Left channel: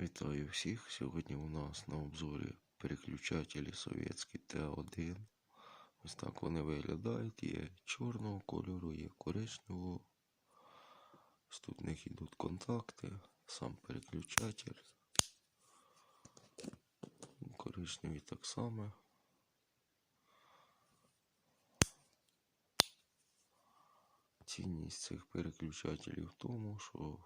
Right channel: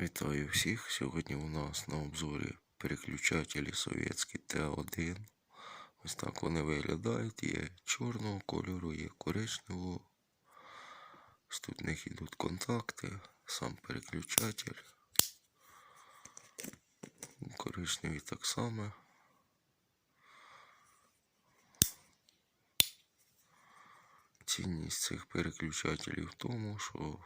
Вітаю всіх! Сьогодні у нас на обзорі переключателі совєтські Т1. Ось так вони виглядають. Є чорного кольору, є коричневого. Ось Тут в них йдуть контакти, сам переключатель. Коричневий так само. Цінність цих переключателів в тому, що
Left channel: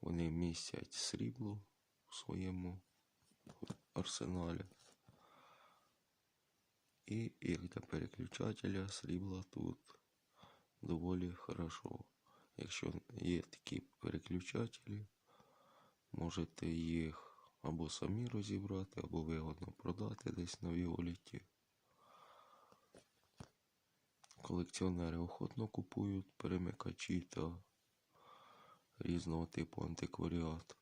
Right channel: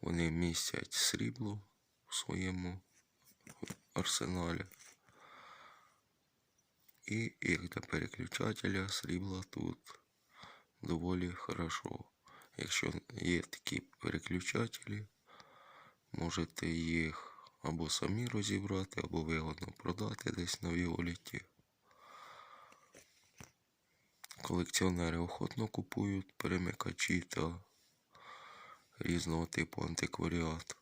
вони містять срібло в своєму арсеналі. І як для переключателя срібла тут доволі хорошо. Якщо є такі переключателі, можете їх або самі розібрати, або вигодно продати десь на Віоліті. Колекціонери охотно купують перемикачі та різного типу антикваріат.